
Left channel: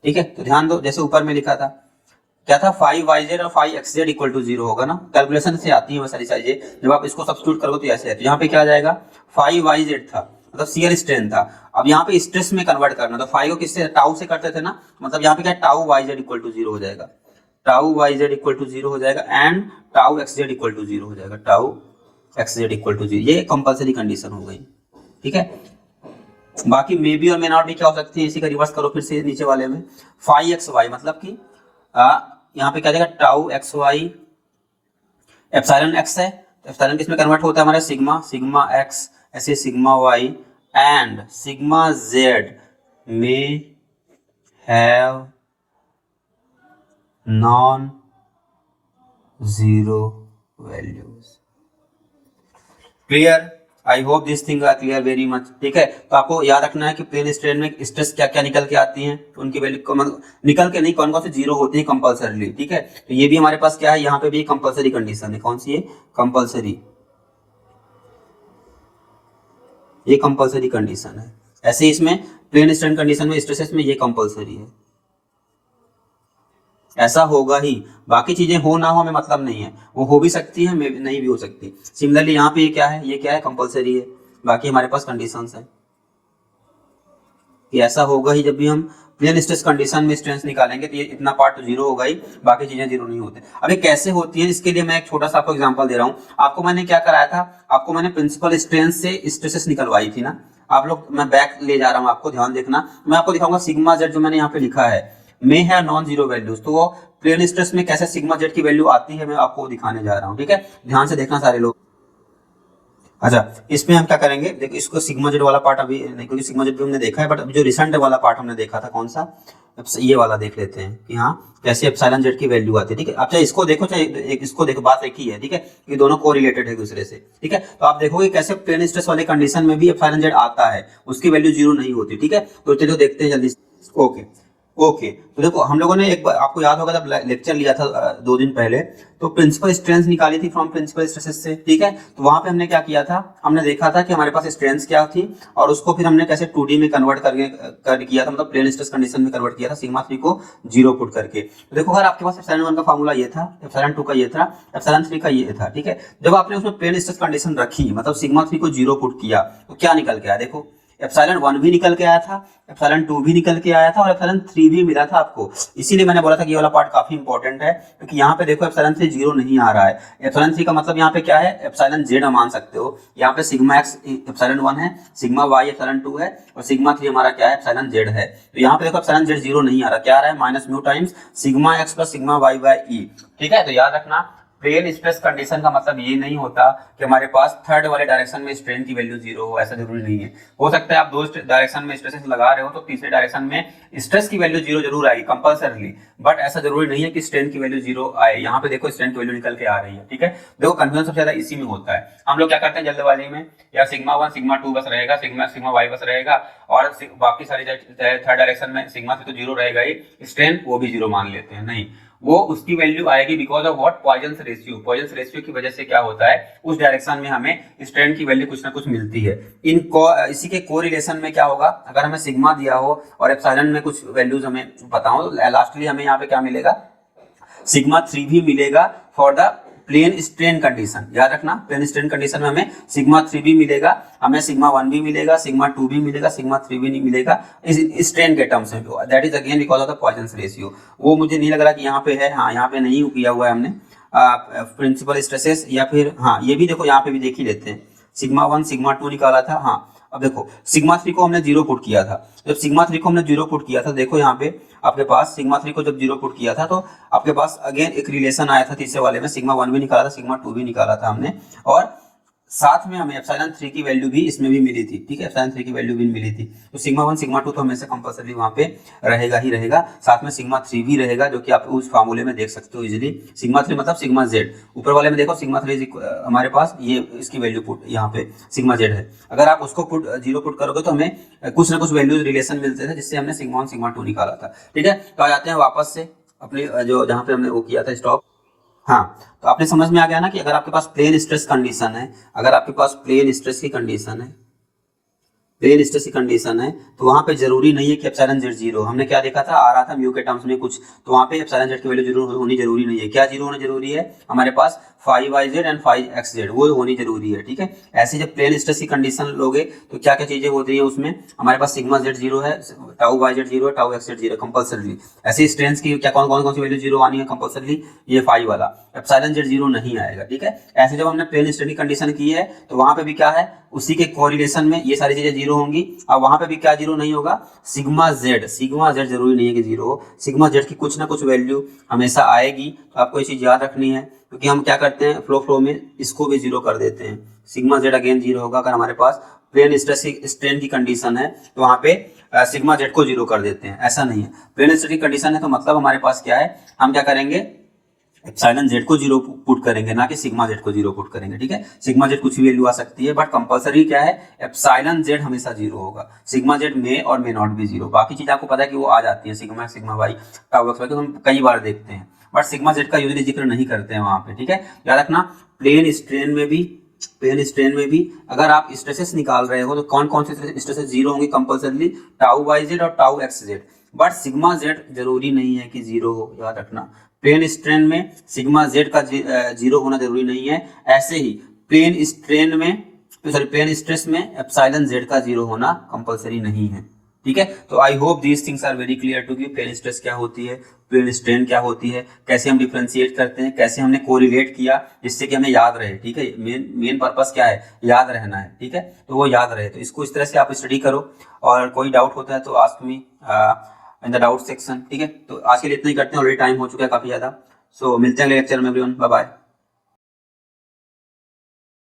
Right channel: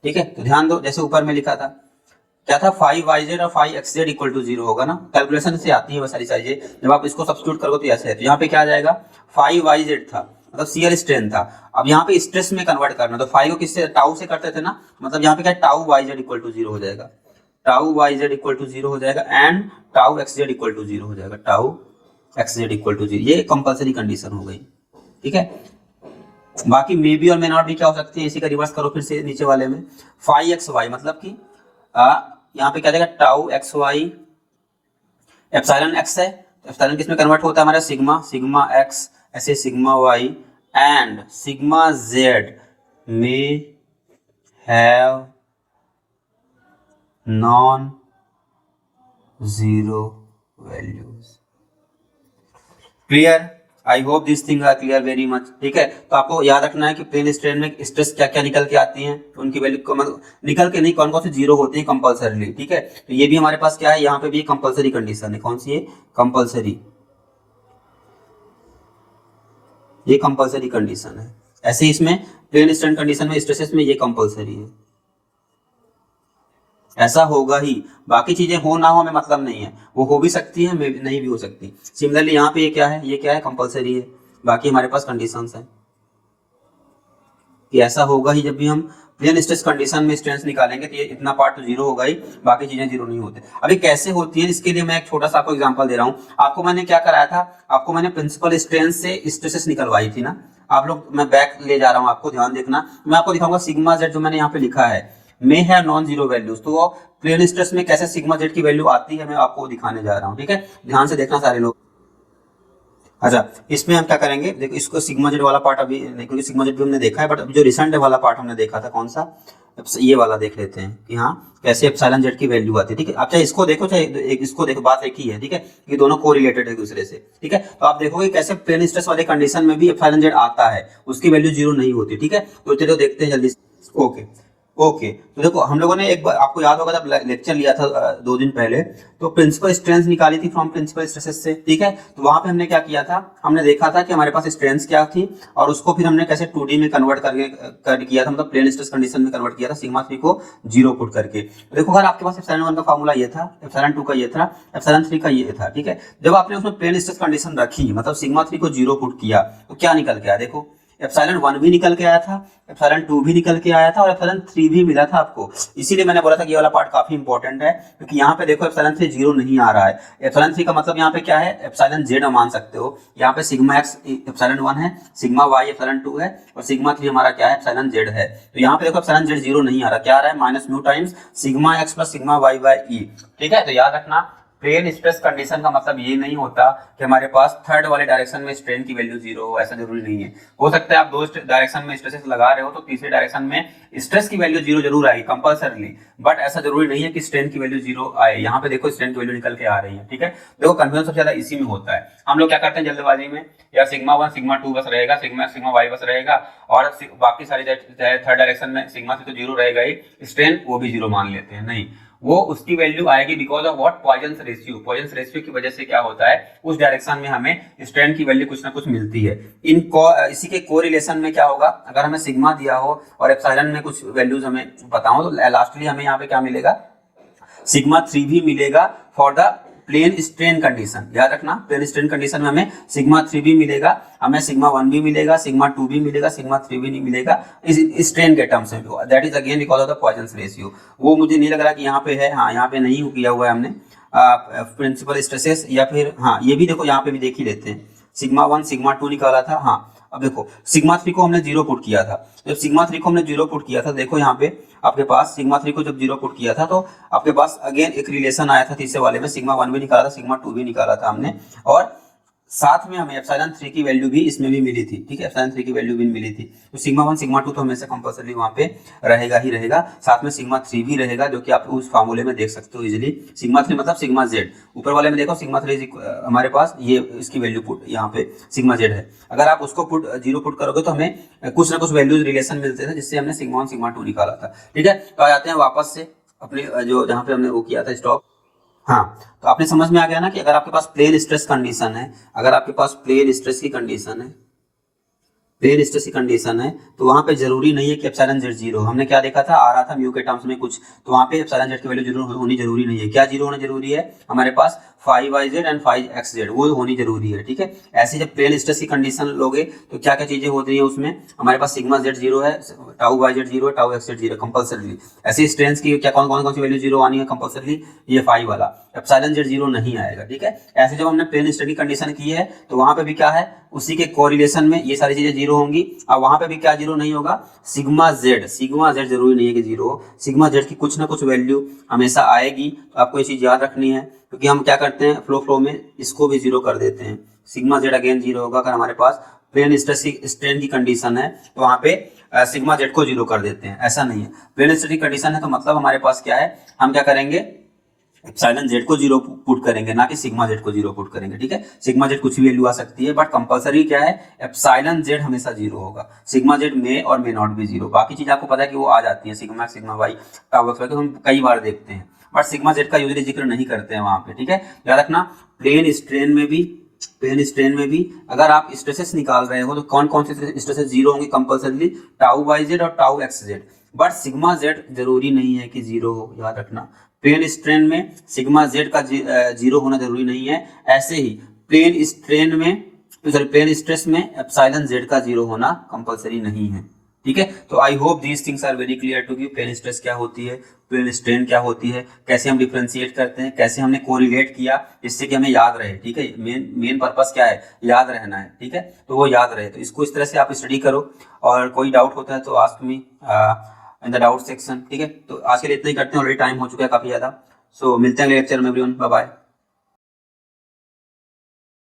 ठीक है। तो ध्यान दो, जैसे ऊपर में लिखा था क्या था, फाइव वाई जेड और five X Z equal to zero होगा ना, कैलकुलेशन से आती है वो सारी चीजें, जब आप इसको सब्स्टिट्यूट करोगे तो ऐसे है। तो यहाँ पे क्या आ जाएगा, फाइव वाई जेड था, मतलब शियर स्ट्रेन था। अब यहाँ पे स्ट्रेस में कन्वर्ट करना, तो फाइव को किससे, टाउ से करते थे ना, मतलब यहाँ पे क्या, tau Y Z equal to zero हो जाएगा, tau Y Z equal to zero हो जाएगा, and tau X Z equal to zero हो जाएगा, tau X Z equal to zero, ये कंपल्सरी कंडीशन हो गई, ठीक है। बाकी मे बी और मे नॉट भी क्या हो सकती है, इसी का रिवर्स करो फिर से नीचे वाले में, फाइव एक्स वाई, मतलब कि यहाँ पे क्या देगा, tau X Y, epsilon X है, तो एप्सिलॉन किसमें कन्वर्ट होता है हमारा, सिग्मा एक्स, ऐसे sigma Y and sigma z may have non-zero values. Clear? I hope this thing are clear very much. ठीक है, तो आपको याद रखना है कि प्लेन स्ट्रेन में स्ट्रेस क्या क्या निकल के आती हैं, तो उनकी वैल्यू निकल के नहीं, कौन कौन से जीरो होती है कंपल्सरीली. ठीक है, तो ये भी हमारे पास क्या है, यहाँ पे भी कंपल्सरी कंडीशन है. कौन सी है? कंपल्सरी. ये कंपल्सरी कंडीशन है. ऐसे इसमें प्लेन स्ट्रेन कंडीशन में स्ट्रेसेस में ये कंपल्सरी है. ऐसा होगा ही, बाकी चीजें हो ना हो हमें मतलब नहीं है, वो हो भी सकती है, नहीं भी हो सकती. सिमिलरली यहाँ पे ये क्या है, ये क्या है, कंपल्सरी है. बाकी हमारे पास कंडीशंस है कि ऐसा होगा ही. जब भी हम प्लेन स्ट्रेस कंडीशन में स्ट्रेंथ निकालेंगे तो ये इतना पार्ट तो जीरो होगा ही, बाकी चीजें जीरो नहीं होते. अभी कैसे होती है, इसके लिए मैं एक छोटा सा आपको एग्जांपल दे रहा हूँ. आपको मैंने क्या कराया था, आपको मैंने प्रिंसिपल स्ट्रेंथ से स्ट्रेसेस निकलवाई थी ना. आप लोग, मैं बैक ले जा रहा हूँ, आपको ध्यान देखना. मैं आपको दिखाऊंगा सिग्मा जेड जो मैंने यहाँ पे लिखा है मे हैव नॉन जीरो वैल्यूज. तो वो प्लेन स्ट्रेस में कैसे सिग्मा जेड की वैल्यू आती है मैं आपको दिखाने जा रहा हूँ. ठीक है, ध्यान से देखना सारे लोग. अच्छा, इसमें हम क्या करेंगे, देखो इसको सिग्मा जेड वाला पार्ट अभी नहीं, क्योंकि सिग्मा जेड भी हमने देखा है, बट अभी जो रिसेंट वाला पार्ट हमने देखा था कौन सा, ये वाला देख लेते हैं कि हाँ कैसे एप्सिलॉन जेड की वैल्यू आती है. ठीक है, आप चाहे इसको देखो चाहे इसको देखो, बात एक ही है. ठीक है, ये दोनों कोरिलेटेड है दूसरे से. ठीक है, तो आप देखोगे कैसे प्लेन स्ट्रेस वाले कंडीशन में भी एप्सिलॉन जेड आता है, उसकी वैल्यू जीरो नहीं होती. ठीक है, तो चलो देखते हैं जल्दी. ओके ओके, तो देखो हम लोगों ने एक बार, आपको याद होगा जब लेक्चर लिया था 2 दिन पहले, तो प्रिंसिपल स्ट्रेंथ निकाली थी फ्रॉम प्रिंसिपल स्ट्रेसेस से. ठीक है, तो वहां पे हमने क्या किया था, हमने देखा था कि हमारे पास स्ट्रेंथ क्या थी और उसको फिर हमने कैसे 2D में कन्वर्ट करके किया था, मतलब प्लेन स्ट्रेस कंडीशन में कन्वर्ट किया था, सिग्मा 3 को 0 पुट करके. तो देखो अगर आपके पास एप्सिलॉन 1 का फार्मूला ये था, एप्सिलॉन 2 का ये था, एप्सिलॉन 3 का ये था. ठीक है, जब आपने उसमें प्लेन स्ट्रेस कंडीशन रखी, मतलब सिग्मा 3 को 0 पुट किया, तो क्या निकल के आया, देखो एप्सिलॉन 1 भी निकल के आया था, एप्सिलॉन 2 भी निकल के आया था और एप्सिलॉन 3 भी मिला था आपको. इसीलिए मैंने बोला था कि ये वाला पार्ट काफी इंपॉर्टेंट है, क्योंकि यहाँ पे देखो एप्सिलॉन 3 जीरो नहीं आ रहा है. एप्सिलॉन 3 का मतलब यहाँ पे क्या है, एप्सिलॉन जेड मान सकते हो. यहाँ पे सिग्मा एक्स एप्सिलॉन 1 है, सिग्मा वाई एप्सिलॉन 2 है और सिग्मा 3 हमारा क्या है, एप्सिलॉन जेड है. तो यहाँ पे देखो एप्सिलॉन जेड जीरो नहीं आ रहा, क्या आ रहा है, minus mu times sigma X plus sigma Y by E. ठीक है, तो याद रखना प्लेन स्ट्रेस कंडीशन का मतलब ये नहीं होता कि हमारे पास थर्ड वाले डायरेक्शन में स्ट्रेन की वैल्यू जीरो हो, ऐसा जरूरी नहीं है. हो सकता है आप 2 डायरेक्शन में स्ट्रेसेस लगा रहे हो तो तीसरे डायरेक्शन में स्ट्रेस की वैल्यू जीरो जरूर आएगी कंपल्सरीली, बट ऐसा जरूरी नहीं है कि स्ट्रेन की वैल्यू जीरो आए. यहाँ पे देखो स्ट्रेन की वैल्यू निकल के आ रही है. ठीक है, देखो कंफ्यूजन सबसे ज्यादा इसी में होता है. हम लोग क्या करते हैं जल्दबाजी में, या सिग्मा 1 सिग्मा 2 बस रहेगा, सिग्मा सिग्मा वाई बस रहेगा और बाकी सारी थर्ड डायरेक्शन में सिग्मा 3 तो जीरो रहेगा ही, स्ट्रेन वो भी जीरो मान लेते हैं. नहीं, वो उसकी वैल्यू आएगी because of what, Poisson ratio. Poisson ratio की वजह से क्या होता है, उस डायरेक्शन में हमें स्ट्रेन की वैल्यू कुछ ना कुछ मिलती है. इसी के कोरिलेशन में क्या होगा, अगर हमें सिग्मा दिया हो और एप्सिलॉन में कुछ वैल्यूज हमें पता हो, तो लास्टली हमें यहाँ पे क्या मिलेगा, सिग्मा 3 भी मिलेगा for the plane strain condition. याद रखना प्लेन स्ट्रेन कंडीशन में हमें सिग्मा 3 भी मिलेगा, हमें सिग्मा 1 भी मिलेगा, सिग्मा 2 भी मिलेगा, सिग्मा 3 भी नहीं मिलेगा इस स्ट्रेन के टर्म्स में. That is again because of the Poisson ratio. वो मुझे नहीं लग रहा कि यहाँ पे है, हाँ यहाँ पे नहीं किया हुआ है हमने प्रिंसिपल स्ट्रेसेस, या फिर हाँ ये भी देखो यहाँ पे भी देख ही लेते हैं. सिग्मा 1 सिग्मा 2 निकाला था. हाँ अब देखो सिग्मा 3 को हमने 0 पुट किया था. जब सिग्मा 3 को हमने 0 पुट किया था, देखो यहाँ पे आपके पास सिग्मा 3 को जब 0 पुट किया था तो आपके पास अगेन एक रिलेशन आया था तीसरे वाले में, सिग्मा 1 भी निकाला था, सिग्मा 2 भी निकाला था हमने, और साथ में हमें एप्सिलॉन 3 की वैल्यू भी इसमें भी मिली थी. ठीक है, एप्सिलॉन 3 की वैल्यू भी मिली थी. तो सिग्मा 1 सिग्मा 2 तो हमेशा कंपल्सरी वहां पे रहेगा ही रहेगा, साथ में सिग्मा 3 भी रहेगा, जो कि आप उस फार्मूले में देख सकते हो इजीली. सिग्मा 3 मतलब सिग्मा जेड, ऊपर वाले में देखो सिग्मा 3 हमारे पास ये इसकी वैल्यू पुट यहाँ पे सिग्मा जेड है. अगर आप उसको पुट 0 पुट करोगे तो हमें कुछ ना कुछ वैल्यूज रिलेशन मिलते थे, जिससे हमने सिग्मा 1 सिग्मा 2 निकाला था. ठीक है, तो आ जाते हैं वापस से अपने जो जहाँ पे हमने वो किया था स्टॉप. हाँ, तो आपने समझ में आ गया ना कि अगर आपके पास प्लेन स्ट्रेस कंडीशन है, अगर आपके पास प्लेन स्ट्रेस की कंडीशन है, प्लेन स्ट्रेस की कंडीशन है, तो वहां पे जरूरी नहीं है कि एप्सिलॉन जेड जीरो. हमने क्या देखा था, आ रहा था म्यू के टर्म्स में कुछ, तो वहां पे एप्सिलॉन जेड की वैल्यू जीरो होनी जरूरी नहीं है. क्या जीरो होना जरूरी है, हमारे पास 5yz एंड 5xz वो होनी जरूरी है. ठीक है, ऐसे जब प्लेन स्ट्रेस की कंडीशन लोगे तो क्या क्या चीजें होती है उसमें, हमारे पास सिग्मा जेड जीरो है, टाउ वाई जेड जीरो है, tau X Z zero compulsory. ऐसे स्ट्रेंथ की क्या कौन कौन सी वैल्यू जीरो आनी है कंपल्सरी, ये 5 वाला. एप्सिलॉन जेड जीरो नहीं आएगा. ठीक है, ऐसे जब हमने प्लेन स्ट्रेस की कंडीशन की है तो वहां पे भी क्या है, उसी के कोरिलेशन में ये सारी चीजें जीरो होंगी. और वहां पे भी क्या जीरो नहीं होगा, सिग्मा जेड जरूरी नहीं है कि जीरो हो, सिग्मा जेड की कुछ ना कुछ वैल्यू हमेशा आएगी. तो आपको ये चीज याद रखनी है क्योंकि हम क्या करते हैं फ्लो में इसको भी जीरो कर देते हैं। सिग्मा जेड अगेन जीरो होगा अगर हमारे पास प्लेन स्ट्रेन की कंडीशन है, तो वहां पे सिग्मा जेड को जीरो कर देते हैं। ऐसा नहीं है, प्लेन स्ट्रेन की कंडीशन है तो मतलब हमारे पास क्या है, हम क्या करेंगे, एप्सिलॉन जेड को जीरो पुट करेंगे, ना कि सिग्मा जेड को जीरो पुट करेंगे। ठीक है, सिग्मा जेड कुछ भी वैल्यू आ सकती है, बट कंपलसरी क्या है, एप्सिलॉन जेड हमेशा जीरो होगा। सिग्मा जेड में और मे नॉट भी जीरो, बाकी चीज आपको पता है कि वो आ जाती है, sigma sigma Y tau X Y, तो हम कई बार देखते हैं, बट सिग्मा जेड का यूजली जिक्र नहीं करते हैं वहां पे। ठीक है, याद रखना प्लेन स्ट्रेन में भी अगर आप स्ट्रेसेस निकाल रहे हो तो कौन कौन से स्ट्रेसेस जीरो होंगे कंपलसरी, टाउ वाई जेड और tau X Z, but sigma Z जरूरी नहीं है कि जीरो हो, याद रखना। प्लेन स्ट्रेन में सिग्मा जेड का जीरो होना जरूरी नहीं है, ऐसे ही प्लेन स्ट्रेन में सॉरी प्लेन स्ट्रेस में एप्सिलॉन जेड का जीरो होना कंपलसरी नहीं है। ठीक है, तो I hope these things are very clear to you. Plane stress क्या होती है, प्लेन स्ट्रेन क्या होती है, कैसे हम डिफरेंशिएट करते हैं, कैसे हमने कोरिलेट किया जिससे कि हमें याद रहे। ठीक है, मेन पर्पस क्या है, याद रहना है। ठीक है, तो वो याद रहे, तो इसको इस तरह से आप स्टडी करो, और कोई डाउट होता है तो ask me in the doubt section. ठीक है, तो आज के लिए इतना ही करते हैं, ऑलरेडी टाइम हो चुका है काफी ज्यादा। सो मिलते हैं अगले लेक्चर में एवरीवन, बाय बाय।